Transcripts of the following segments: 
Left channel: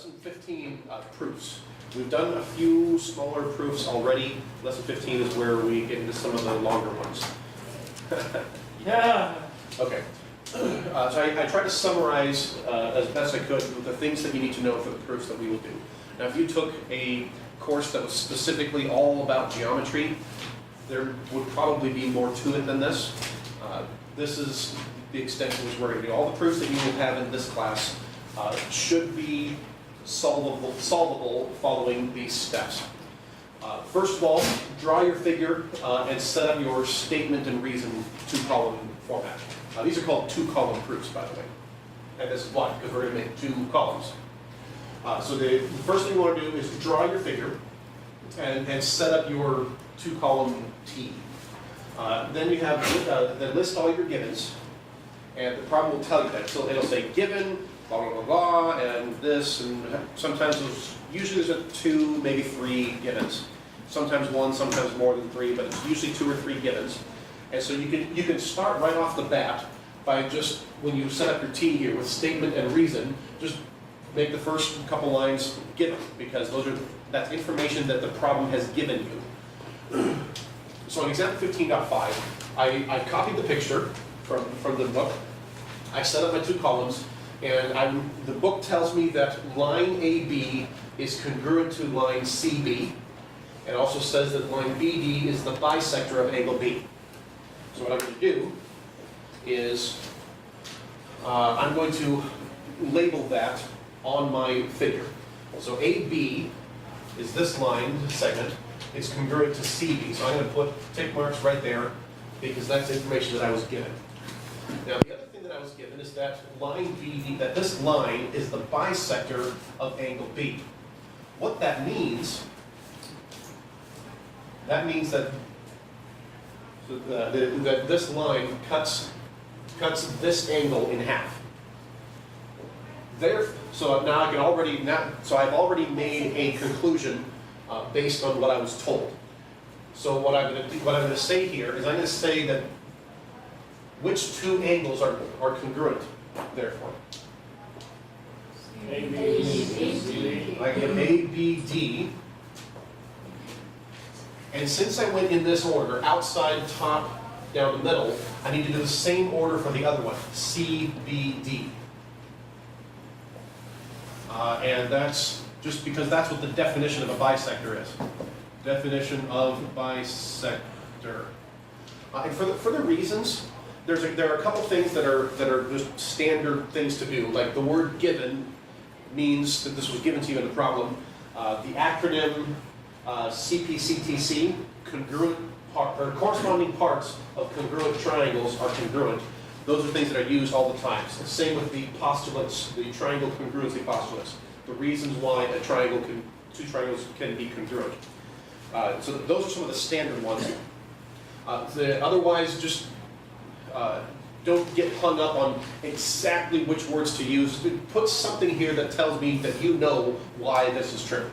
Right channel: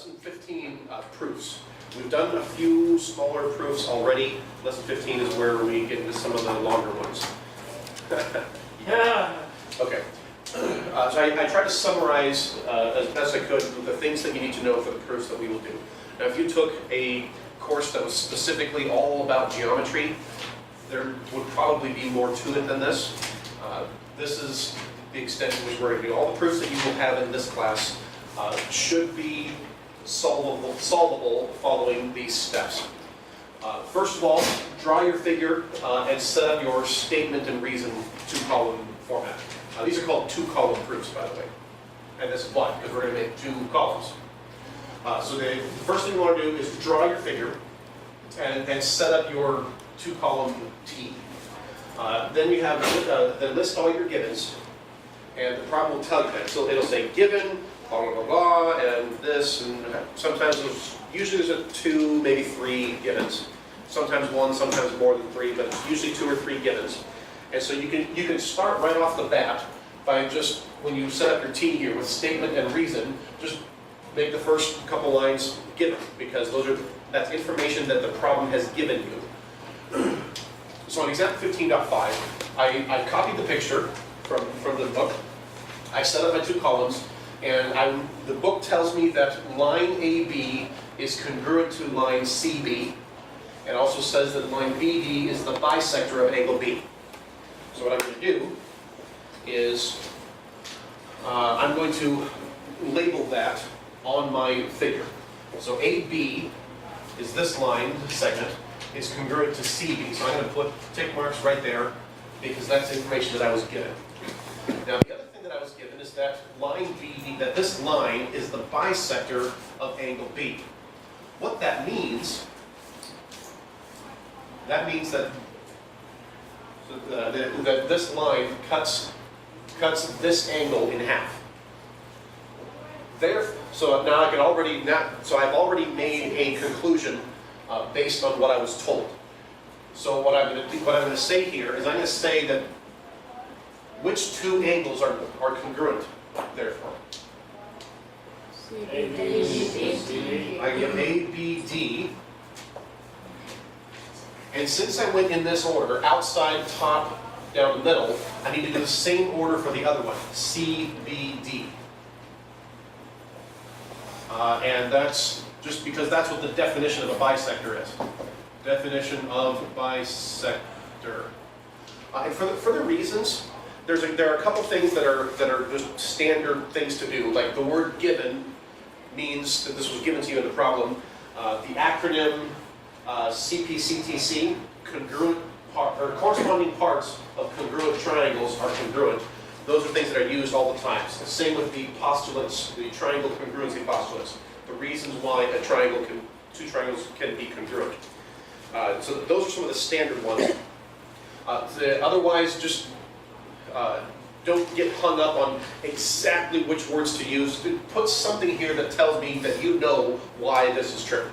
lesson 15 proofs. We've done a few smaller proofs already. Lesson 15 is where we get into some of the longer ones. Yeah. Okay. So I tried to summarize as best I could the things that you need to know for the proofs that we will do. Now, if you took a course that was specifically all about geometry, there would probably be more to it than this. This is the extent to which we're going to do. All the proofs that you will have in this class should be solvable following these steps. First of all, draw your figure and set up your statement and reason two-column format. These are called two-column proofs, by the way. And this is why, because we're going to make two columns. So the first thing you want to do is draw your figure and set up your two-column T. Then you have then list all your givens, and the problem will tell you that. So it'll say given, blah, blah, blah, blah, and this, and sometimes usually there's two, maybe three givens. Sometimes one, sometimes more than three, but it's usually two or three givens. And so you can start right off the bat by just, when you set up your T here with statement and reason, just make the first couple lines given, because that's information that the problem has given you. So in example 15.5, I copied the picture from the book. I set up my two columns, and the book tells me that line AB is congruent to line CB, and also says that line BD is the bisector of angle B. So what I'm going to do is I'm going to label that on my figure. So AB is this line segment. It's congruent to CB. So I'm going to put tick marks right there because that's information that I was given. Now the other thing that I was given is that line BD, that this line is the bisector of angle B. What that means that that this line cuts this angle in half. So now I can already I've already made a conclusion based on what I was told. So what I'm going to say here is I'm going to say that which two angles are congruent, therefore. I give ABD, and since I went in this order, outside, top, down the middle, I need to do the same order for the other one, CBD. And that's just because that's what the definition of a bisector is. Definition of bisector. And for the reasons, there are a couple things that are just standard things to do. Like the word given means that this was given to you in the problem. The acronym CPCTC, corresponding parts of congruent triangles are congruent. Those are things that are used all the time. So same with the postulates, the triangle congruency postulates. The reasons why two triangles can be congruent. So those are some of the standard ones. Otherwise, just don't get hung up on exactly which words to use. Put something here that tells me that you know why this is true.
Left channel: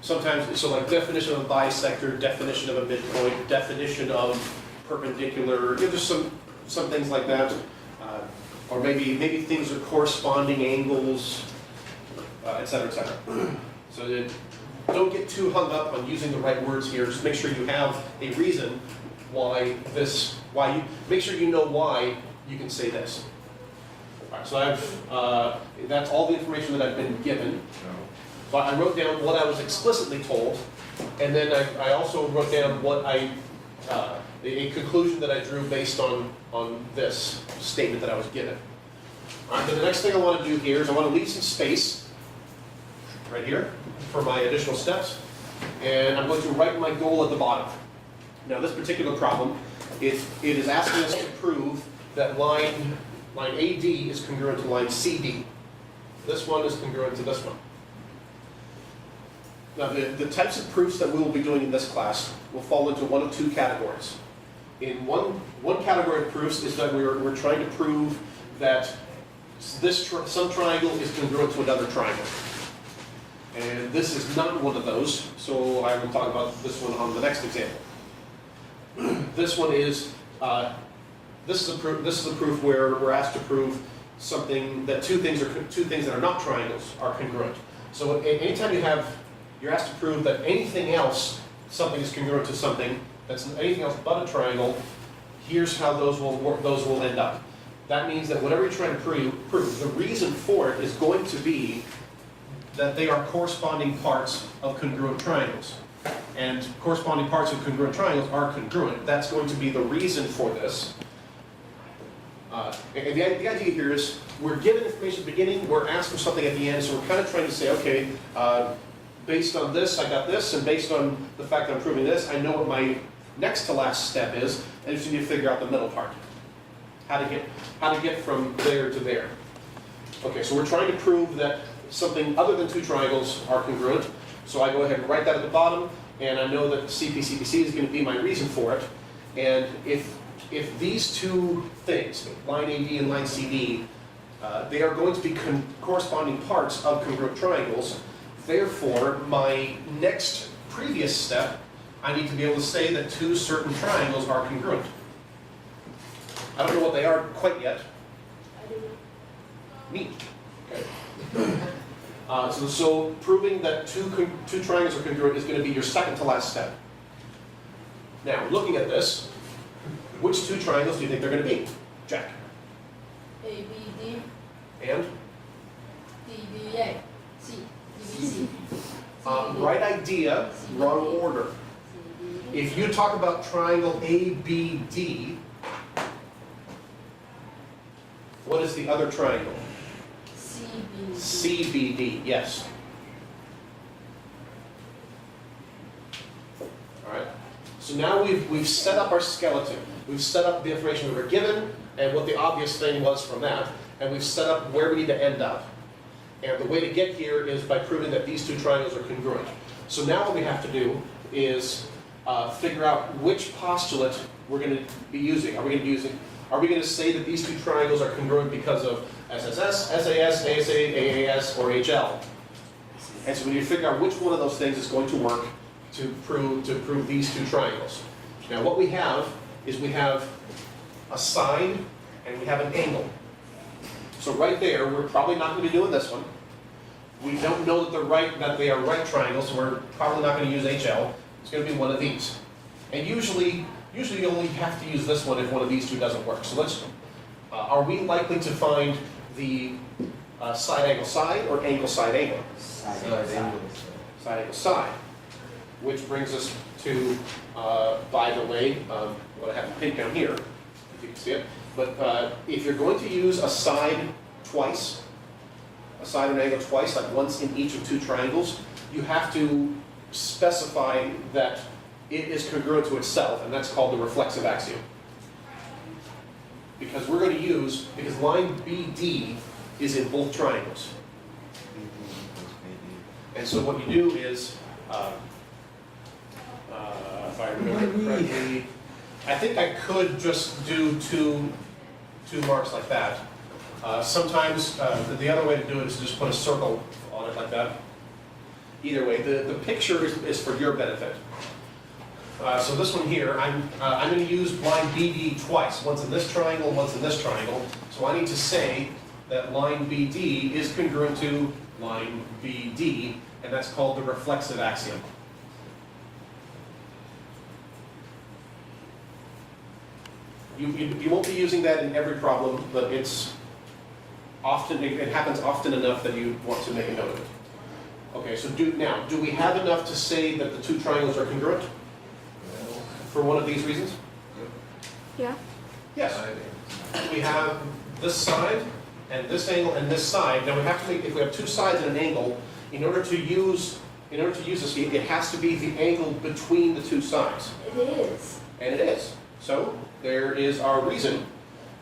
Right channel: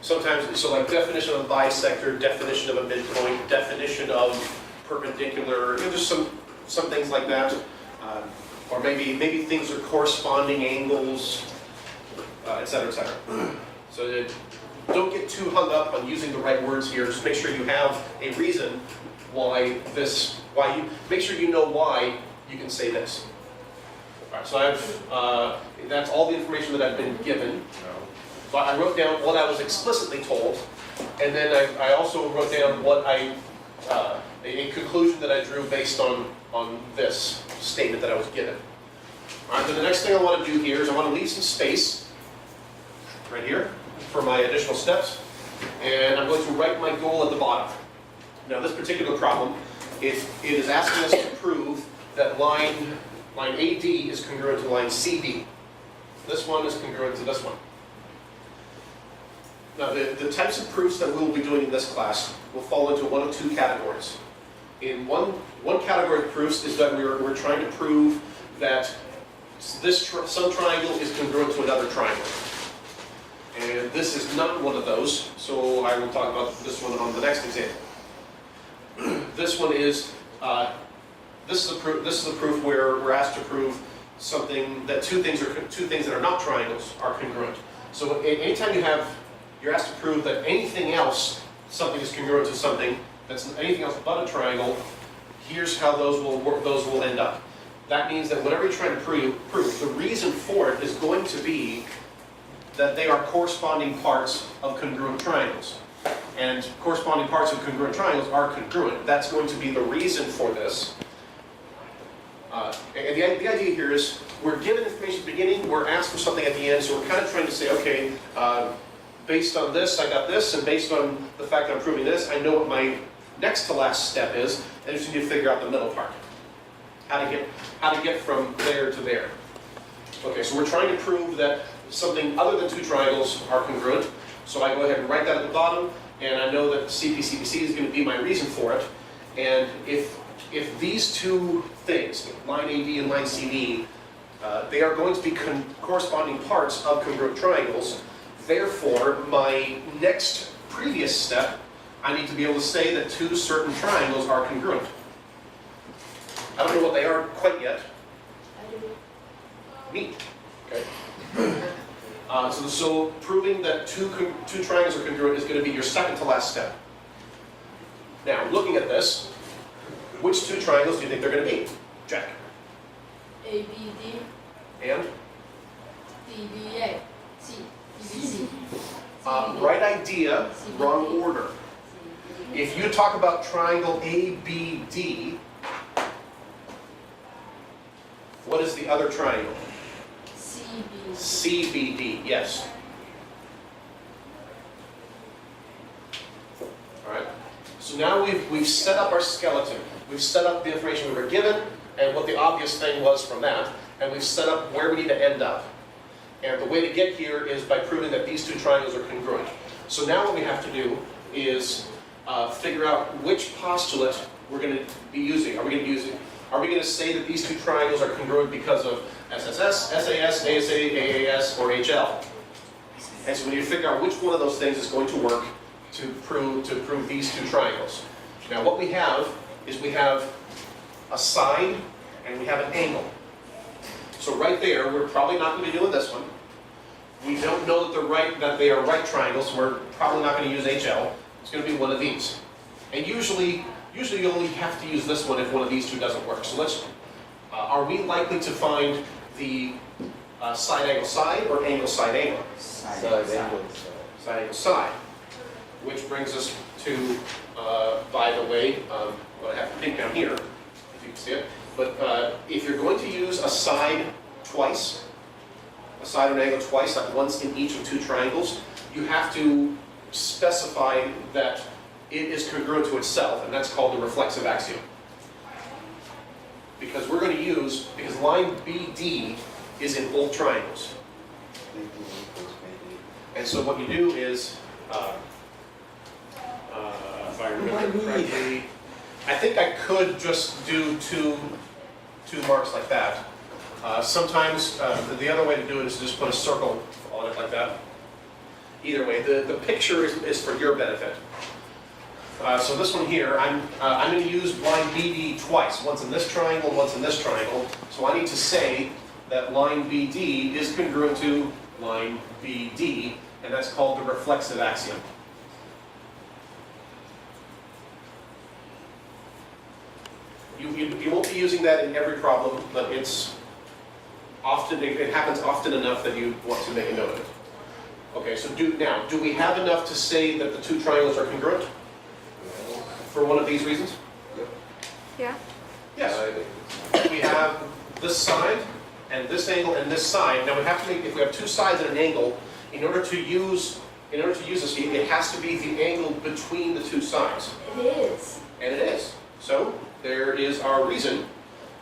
Sometimes, so like definition of a bisector, definition of a midpoint, definition of perpendicular, just some things like that. Or maybe things are corresponding angles, etc., etc. So don't get too hung up on using the right words here. Just make sure you have a reason make sure you know why you can say this. All right, so that's all the information that I've been given. So I wrote down what I was explicitly told, and then I also wrote down what a conclusion that I drew based on this statement that I was given. All right, then the next thing I want to do here is I want to leave some space right here for my additional steps, and I'm going to write my goal at the bottom. Now, this particular problem, it is asking us to prove that line AD is congruent to line CD. This one is congruent to this one. Now, the types of proofs that we will be doing in this class will fall into one of two categories. In one category of proofs is that we're trying to prove that some triangle is congruent to another triangle. And this is not one of those, so I will talk about this one on the next example. This one is this is a proof where we're asked to prove something that two things that are not triangles are congruent. So anytime you're asked to prove that anything else, something is congruent to something that's anything else but a triangle, here's how those will end up. That means that whatever you're trying to prove, the reason for it is going to be that they are corresponding parts of congruent triangles. And corresponding parts of congruent triangles are congruent. That's going to be the reason for this. And the idea here is we're given information at the beginning, we're asked for something at the end, so we're kind of trying to say, okay, based on this, I got this, and based on the fact that I'm proving this, I know what my next to last step is, and just need to figure out the middle part. How to get from there to there. Okay, so we're trying to prove that something other than two triangles are congruent. So I go ahead and write that at the bottom, and I know that CPCPC is going to be my reason for it. And if these two things, line AB and line CD, they are going to be corresponding parts of congruent triangles, therefore my next previous step, I need to be able to say that two certain triangles are congruent. I don't know what they are quite yet. Neat. Okay. So proving that two triangles are congruent is going to be your second to last step. Now, looking at this, which two triangles do you think they're going to be? Jack. ABD. And? DBA. C. BBC. Right idea, wrong order. If you talk about triangle ABD, what is the other triangle? CBD. CBD, yes. Alright. So now we've set up our skeleton. We've set up the information we were given and what the obvious thing was from that, and we've set up where we need to end up. And the way to get here is by proving that these two triangles are congruent. So now what we have to do is figure out which postulate we're going to be using. Are we going to say that these two triangles are congruent because of SSS, SAS, ASA, AAS, or HL? And so we need to figure out which one of those things is going to work to prove these two triangles. Now what we have is we have a side and we have an angle. So right there, we're probably not going to be doing this one. We don't know that they are right triangles, so we're probably not going to use HL. It's going to be one of these. And usually you only have to use this one if one of these two doesn't work. So are we likely to find the side angle side or angle side angle? Side angle. Side angle side. Which brings us to, by the way, what I have to think down here, if you can see it. But if you're going to use a side twice, a side and angle twice, like once in each of two triangles, you have to specify that it is congruent to itself, and that's called the reflexive axiom. Because line BD is in both triangles. And so what you do is, if I remember correctly, I think I could just do two marks like that. Sometimes the other way to do it is to just put a circle on it like that. Either way, the picture is for your benefit. So this one here, I'm going to use line BD twice, once in this triangle, once in this triangle. So I need to say that line BD is congruent to line BD, and that's called the reflexive axiom. You won't be using that in every problem, but it happens often enough that you want to make a note of it. Okay, so do we have enough to say that the two triangles are congruent? For one of these reasons? Yeah. Yes. We have this side, and this angle, and this side. Now we have to, if we have two sides and an angle, in order to use this, it has to be the angle between the two sides. It is. And it is. So there is our reason.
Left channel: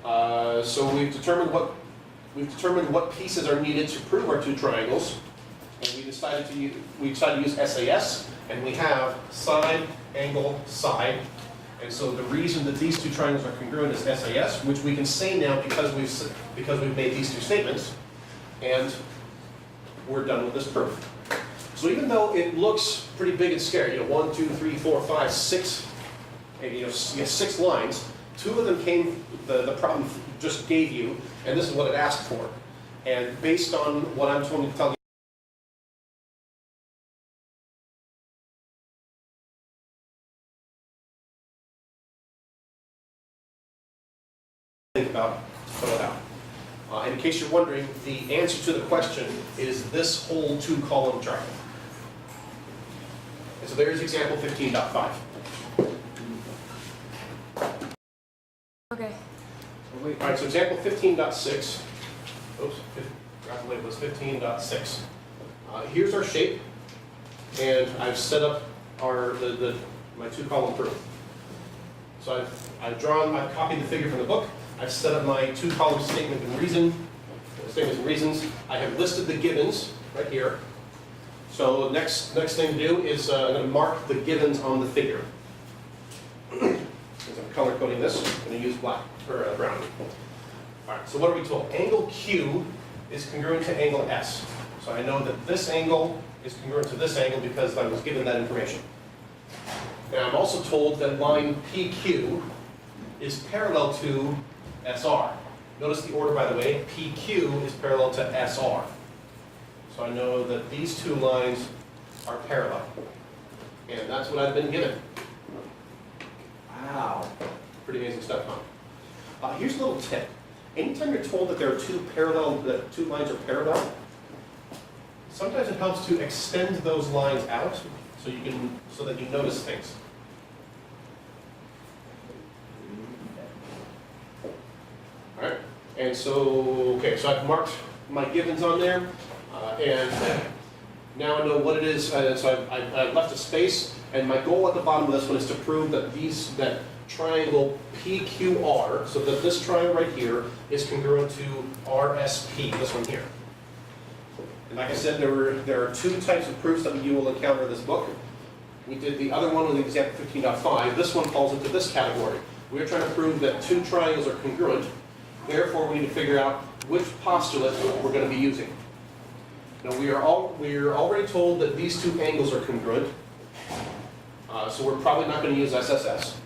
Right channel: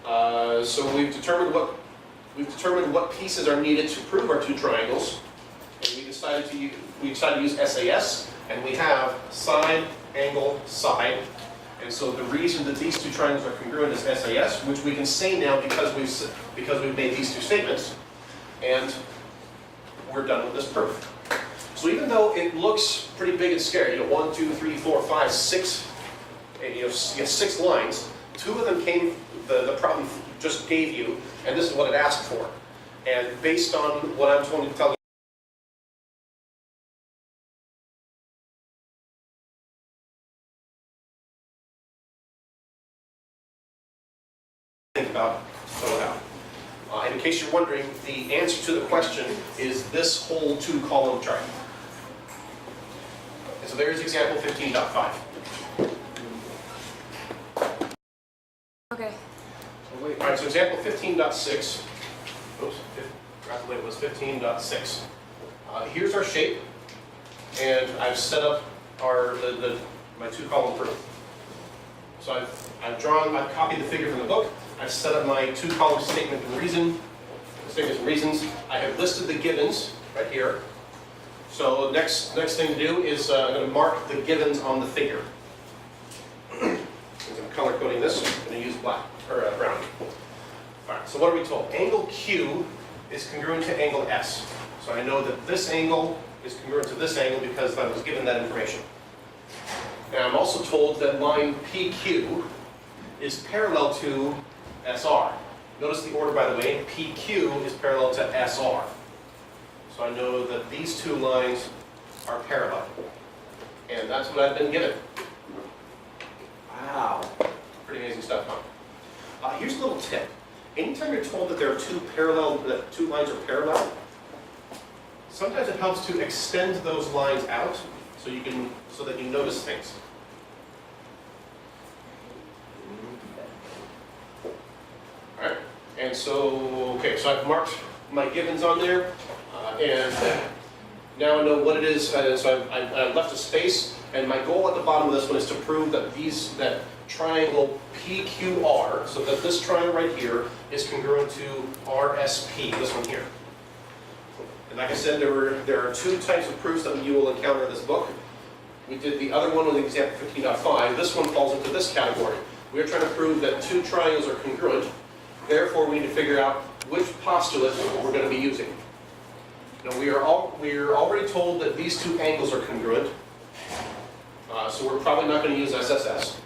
So we've determined what pieces are needed to prove our two triangles, and we decided to use SAS, and we have side, angle, side. And so the reason that these two triangles are congruent is SAS, which we can say now because we've made these two statements, and we're done with this proof. So even though it looks pretty big and scary, 1, 2, 3, 4, 5, 6, you have 6 lines. 2 of them came. The problem just gave you, and this is what it asked for. And based on what I'm telling you, think about, fill it out. And in case you're wondering, the answer to the question is this whole 2-column chart. Okay, so there's example 15.5. Okay. All right, so example 15.6. Oops, forgot the label was 15.6. Here's our shape, and I've set up my 2-column proof. So I've copied the figure from the book. I've set up my 2-column statement and reasons. I have listed the givens right here. So the next thing to do is I'm going to mark the givens on the figure. I'm color coding this. I'm going to use black or brown. All right. So what are we told? Angle Q is congruent to angle S. So I know that this angle is congruent to this angle because I was given that information. And I'm also told that line PQ is parallel to SR. Notice the order, by the way. PQ is parallel to SR. So I know that these two lines are parallel. And that's what I've been given. Wow. Pretty amazing stuff, huh? Here's a little tip. Anytime you're told that there are that two lines are parallel, sometimes it helps to extend those lines out so that you notice things. Alright, and so I've marked my givens on there, and now I know what it is, so I've left a space, and my goal at the bottom of this one is to prove that that triangle PQR, so that this triangle right here is congruent to RSP, this one here. And like I said, there are two types of proofs that you will encounter in this book. We did the other one with example 15.5. This one falls into this category. We are trying to prove that two triangles are congruent. Therefore, we need to figure out which postulate we're going to be using. Now, we are already told that these two angles are congruent, so we're probably not going to use SSS.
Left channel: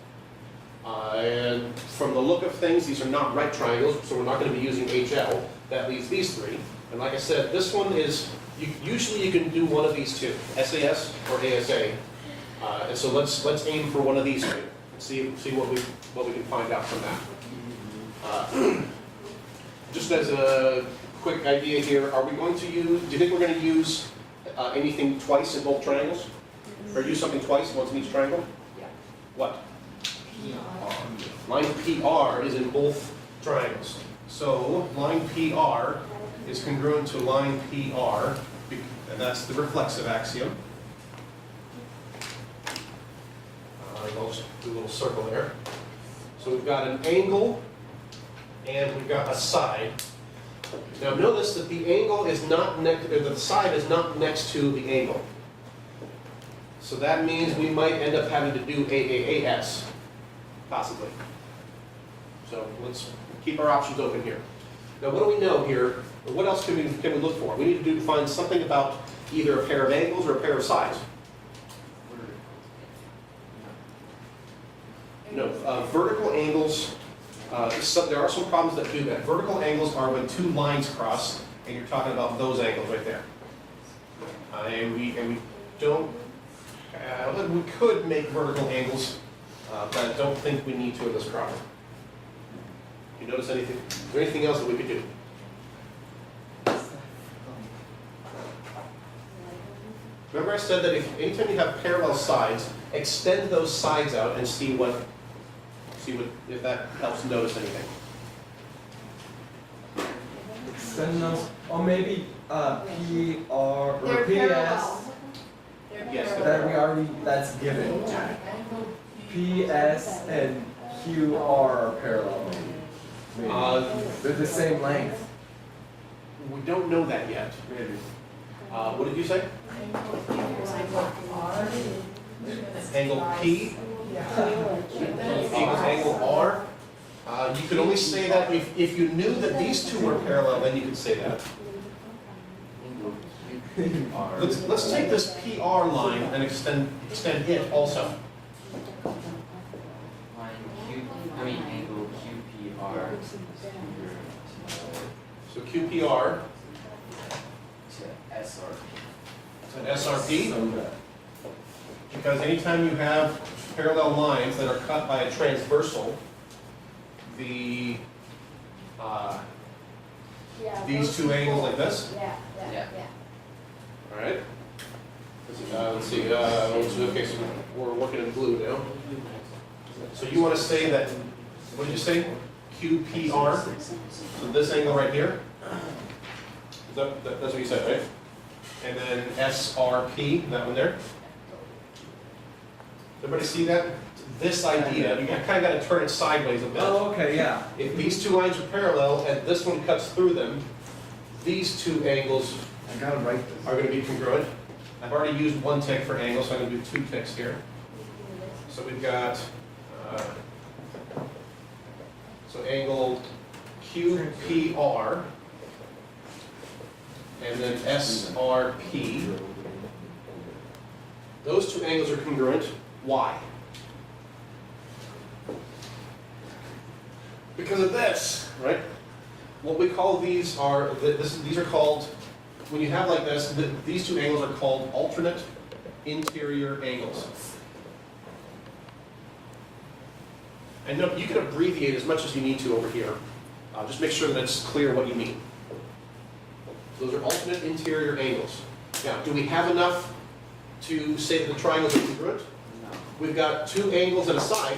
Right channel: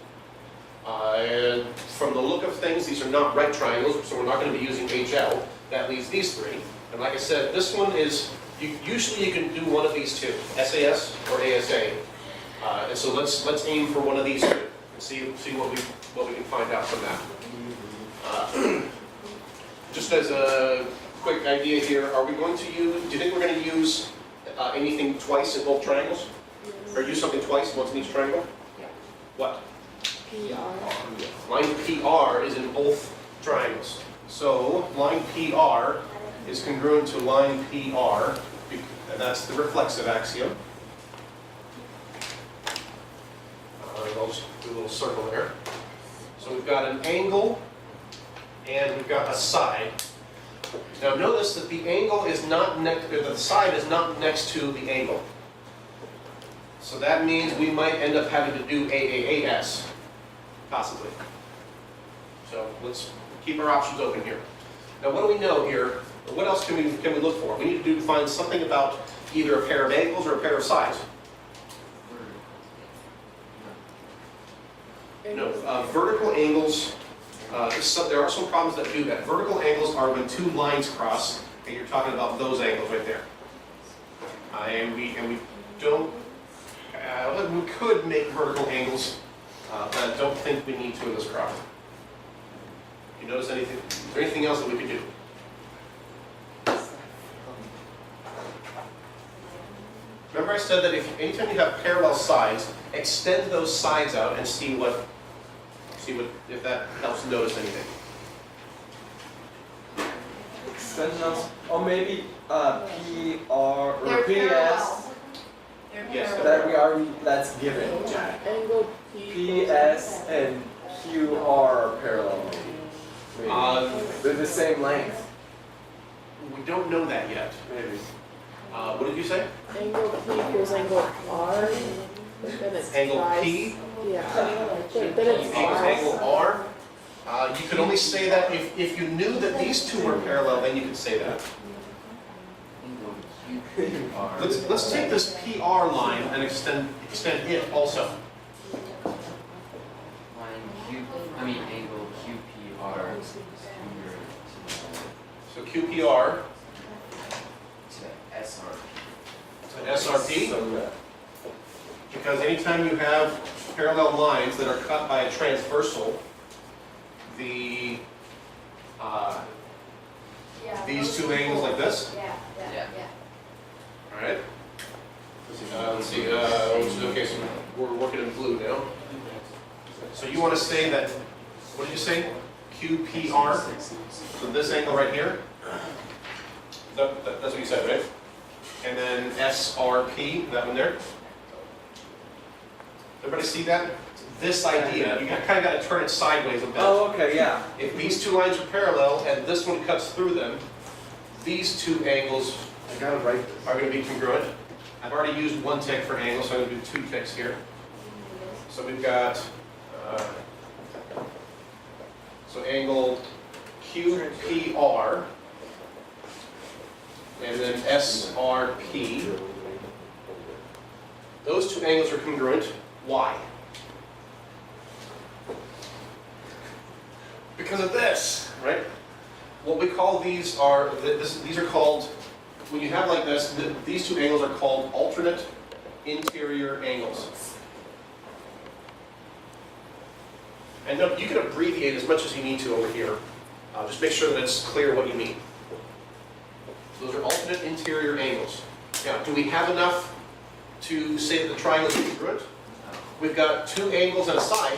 And from the look of things, these are not right triangles, so we're not going to be using HL. That leaves these three. And like I said, this one is, usually you can do one of these two, SAS or ASA. And so let's aim for one of these two and see what we can find out from that. Just as a quick idea here, do you think we're going to use anything twice in both triangles? Or use something twice, once in each triangle? Yeah. What? PR. Line PR is in both triangles. So line PR is congruent to line PR, and that's the reflexive axiom. I'll just do a little circle there. So we've got an angle, and we've got a side. Now notice that the angle is not the side is not next to the angle. So that means we might end up having to do AAAS, possibly. So let's keep our options open here. Now what do we know here? What else can we look for? We need to find something about either a pair of angles or a pair of sides. No, vertical angles, there are some problems that do that. Vertical angles are when two lines cross, and you're talking about those angles right there. And we don't, we could make vertical angles, but I don't think we need to in this problem. You notice anything? Is there anything else that we could do? Remember I said that anytime you have parallel sides, extend those sides out and see if that helps notice anything. Extend those, or maybe PR or They're PS. parallel. They're Yes, parallel. That's given. Angle PS and QR are parallel. Maybe. They're the same length. We don't know that yet. Maybe. What did you say? Angle P is angle R. Then it's Angle twice. P? Yeah. Then it's Equals angle R. You can only say that if you knew that these two were parallel, then you could say that. Let's take this PR line and extend it also. Angle QPR QPR, It's an SRP, So good. because anytime you have parallel lines that are cut by a transversal, the these two angles like this, all right? Let's see, okay, so we're working in blue now. So you want to say that, what did you say? QPR, so this angle right here. That's what you said, right? And then SRP, that one there. Everybody see that? This idea, you kind of got to turn it sideways a bit. Oh, okay, yeah. If these two lines are parallel and this one cuts through them, these two angles I gotta write this. are going to be congruent. I've already used one tick for angle, so I'm going to do 2 ticks here. So we've got, so angle QPR, and then SRP. Those two angles are congruent. Why? Because of this, right? What we call these are, these are called, when you have like this, these two angles are called alternate interior angles. And note, you can abbreviate as much as you need to over here. Just make sure that it's clear what you mean. Those are alternate interior angles. Now, do we have enough to say that the triangles are congruent? No. We've got 2 angles and a side.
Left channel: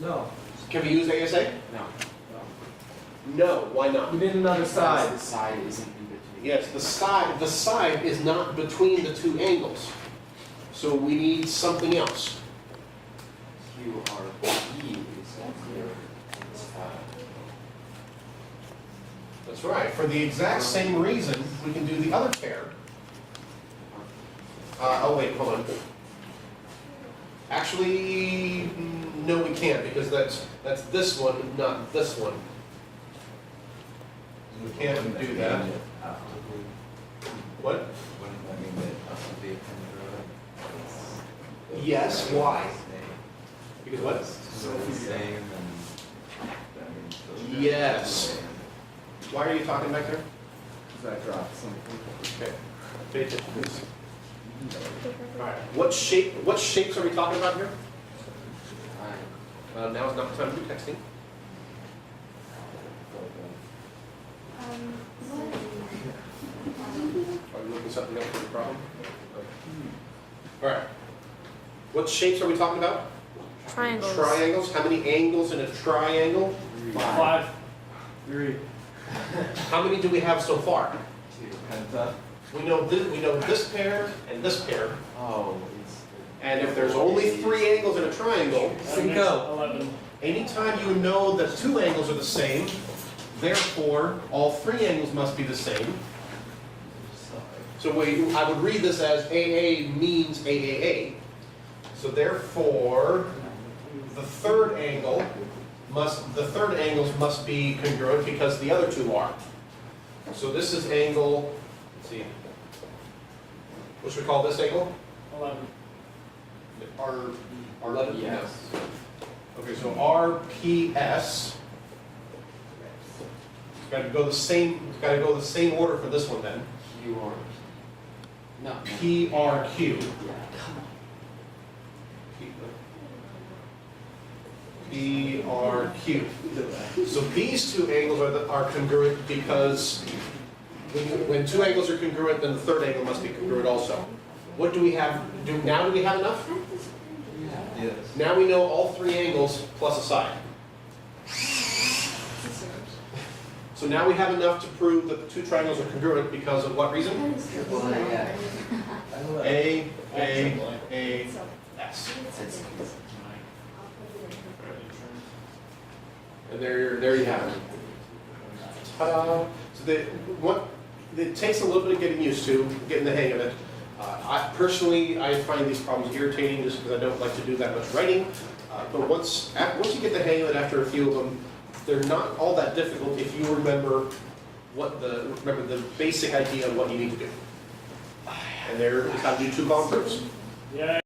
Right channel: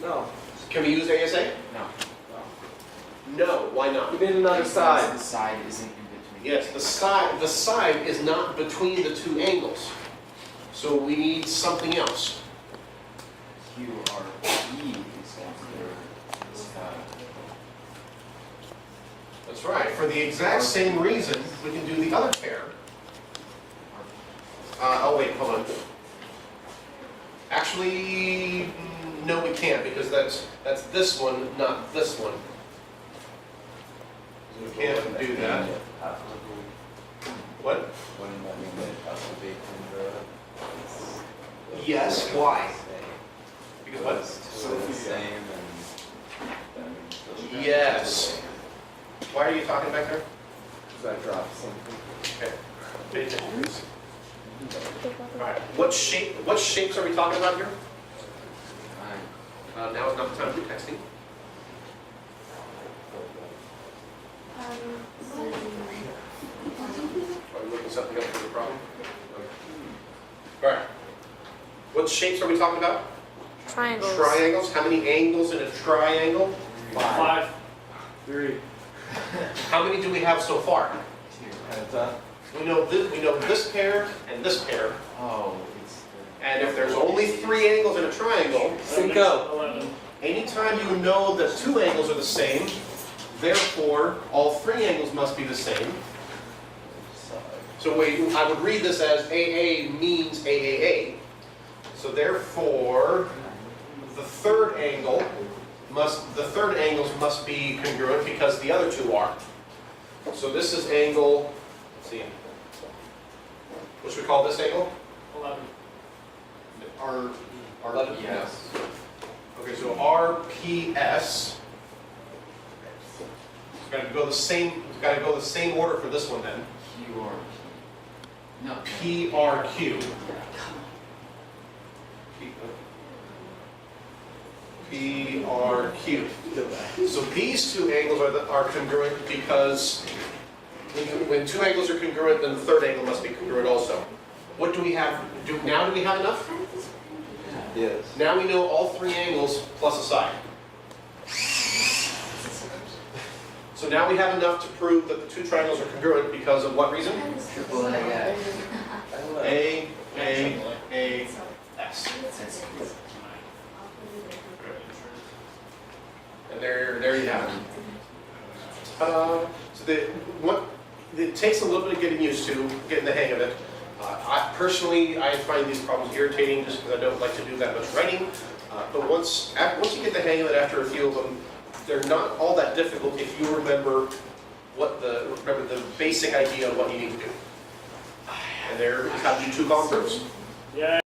No. Can we use ASA? No. No. Why not? We did another side. The side isn't in between. Yes, the side is not between the 2 angles. So we need something else. QRP is the side. That's right. For the exact same reason, we can do the other pair. Oh wait, hold on. Actually, no, we can't because that's this one, not this one. We can't do that. What? Wouldn't that mean that it has to be congruent? Yes. Why? Because what? So the same and then Yes. Why are you talking back there? Because I dropped something. Okay. Pay attention, please. Alright. What shapes are we talking about here? Now is not the time to do texting. Are you looking something else for the problem? Alright. What shapes are we talking about? Triangles. Triangles. How many angles in a triangle? 5. 3. How many do we have so far? Penta. We know this pair and this pair. Oh, And if there's only 3 angles in a triangle, Cinco. anytime you know that 2 angles are the same, therefore all 3 angles must be the same. So I would read this as AA means AAA. So therefore, the third angles must be congruent because the other 2 are. So this is angle, let's see, what should we call this angle? 11. R11? yes. Okay, so RPS. It's got to go the same order for this one then. QRP. No. PRQ. PRQ. So these 2 angles are congruent because when 2 angles are congruent, then the third angle must be congruent also. What do we have? Now do we have enough? Yes. Now we know all 3 angles plus a side. So now we have enough to prove that the 2 triangles are congruent because of what reason? A, S. And there you have it. So it takes a little bit of getting used to, getting the hang of it. I find these problems irritating just because I don't like to do that much writing. But once you get the hang of it after a few of them, they're not all that difficult if you remember the basic idea of what you need to do. And there is how to do 2 column proofs. Yeah.